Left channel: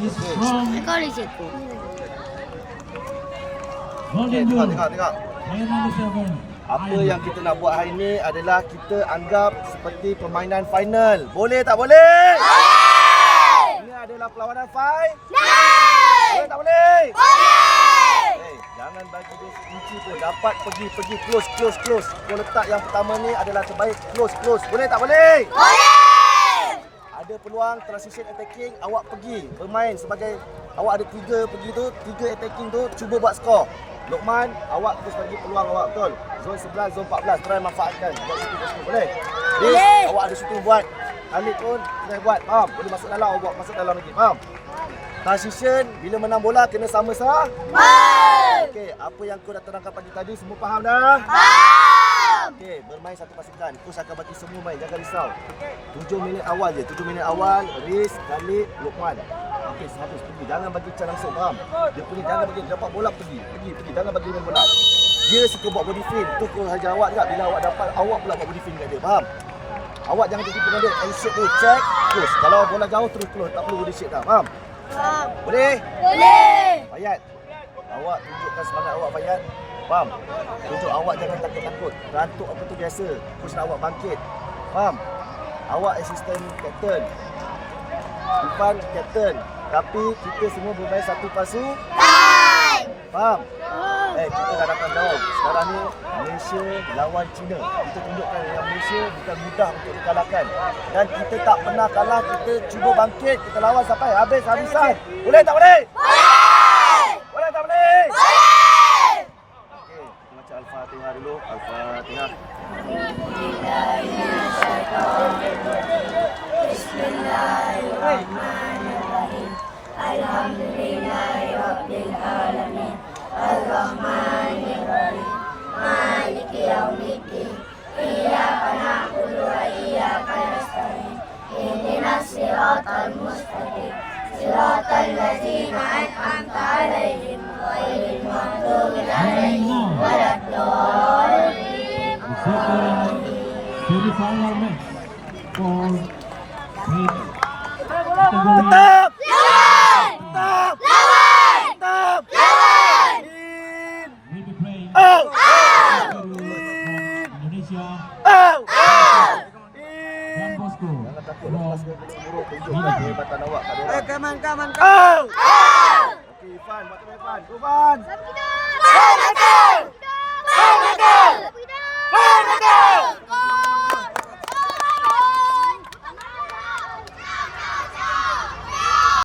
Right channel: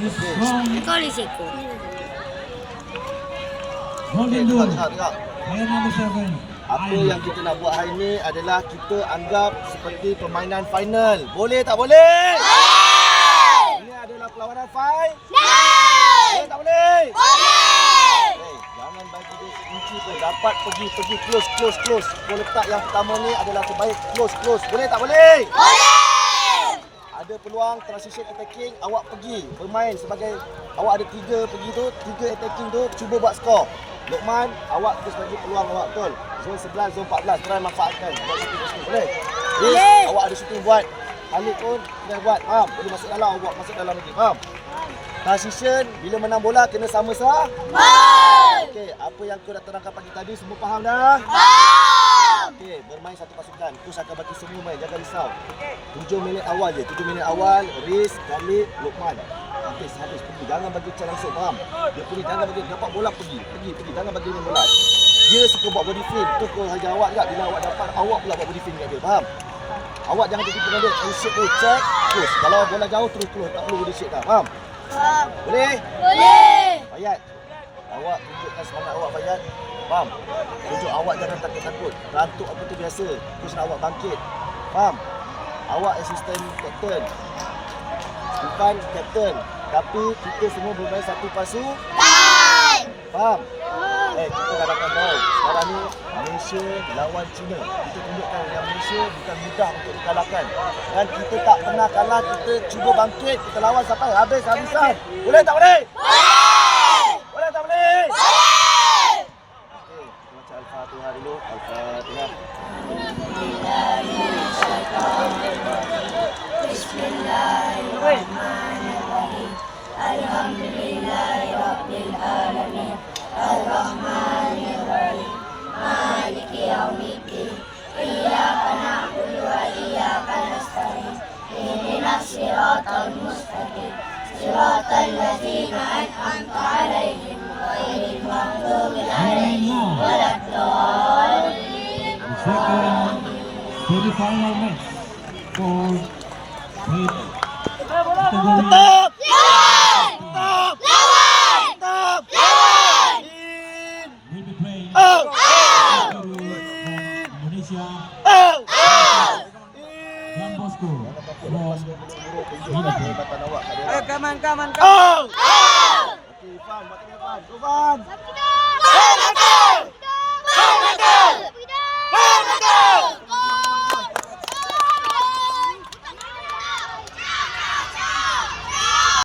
Kau boleh seko. Okey, tengok. Apa yang kita nak buat hari ini adalah kita anggap seperti permainan final. Boleh tak boleh? Ini adalah perlawanan final. Boleh tak boleh? Hey, jangan bagi dia kunci pun. Dapat pergi close. Kau letak yang pertama ni adalah terbaik. Close. Boleh tak boleh? Ada peluang transition attacking, awak pergi bermain sebagai awak ada 3 pergi tu, 3 attacking tu, cuba buat skor. Lokman, awak terus bagi peluang awak betul. Zon 11, zon 14, try manfaatkan. Buat shooting boleh? Riz, awak ada shooting buat. Khalid pun kena buat. Faham? Boleh masuk dalam, awak masuk dalam lagi. Faham? Transition, bila menang bola kena sama-sama. Okey, apa yang kau dah terangkan pagi tadi semua faham dah? Okey, bermain satu pasukan. Coach akan bagi semua main, jangan risau. 7 minit awal je. 7 minit awal, Riz, Khalid, Lokman. Habis pergi. Jangan bagi cara langsung, faham? Dia punya jangan bagi dapat bola pergi. Jangan bagi main bola. Dia suka buat body feint. Tu kau hajar awak juga bila awak dapat, awak pula buat body feint kat dia, faham? Awak jangan tertipu dengan dia. Shake tu, check, terus. Kalau bola jauh terus keluar, tak perlu body shake dah, faham? Boleh? Fayat. Awak tunjukkan semangat awak, Fayat. Faham? Tunjuk awak jangan takut-takut. Rantuk apa tu biasa. Coach nak awak bangkit. Faham? Awak assistant captain. Bukan captain. Tapi kita semua bermain satu pasukan. Faham? Kita dah datang jauh. Sekarang ni Malaysia lawan China. Kita tunjukkan yang Malaysia bukan mudah untuk dikalahkan. Dan kita tak pernah kalah. Kita cuba bangkit. Kita lawan sampai habis-habisan. Boleh tak boleh? Boleh tak boleh? Okey, kita baca Al-Fatihah dulu. Al-Fatihah. Bismillahirrahmanirrahim. Alhamdulillahirabbil alamin. Ar-Rahmanir-Rahim. Maliki yaumiddin. Iyyaka na'budu wa iyyaka nasta'in. Ihdinas siratal mustaqim. Siratal ladzina an'amta 'alaihim ghairil maghdubi 'alaihim waladdallin. Tetap! Jangan takut lepas dia buruk-buruk. Tunjukkan kehebatan awak kat diorang. Come on. Okey, Irfan. Buat terbaik, Irfan. Go, Irfan. Sampai kita!